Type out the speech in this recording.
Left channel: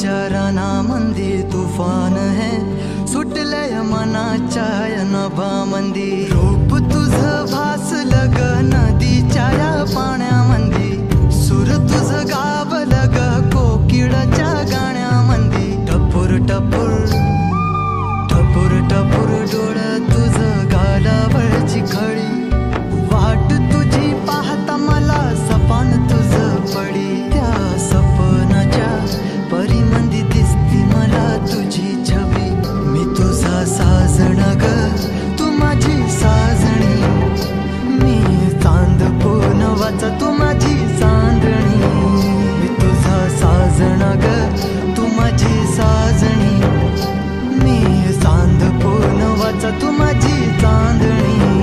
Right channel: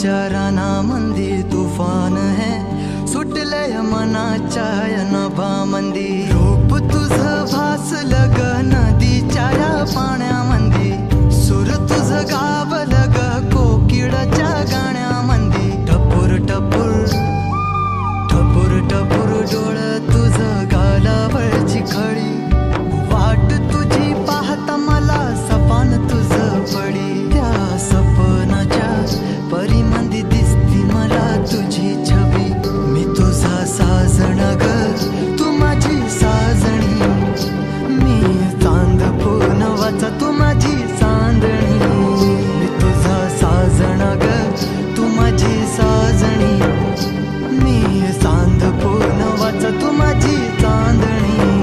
विचाराना मंदी तुफान है सुटलय मनाच्या नभामंदी रूप तुझ भासलं ग नदीच्या या पाण्यामंदी सूर तुझ गावलं ग कोकिळाच्या गाण्यामंदी टपूर टपूर टपूर टपूर डोळं तुझ गालावरची खळी वाट तुझी पाहता मला सपान तुझ पडी त्या सपनाच्या परिमंदी दिसती मला तुझी छबी मी तुझा साजण ग तू माझी साजणी मी चांद पूनवाचा तू माझी चांदणी मी तुझा साजण ग तू माझी साजणी मी चांद पूनवाचा तू माझी चांदणी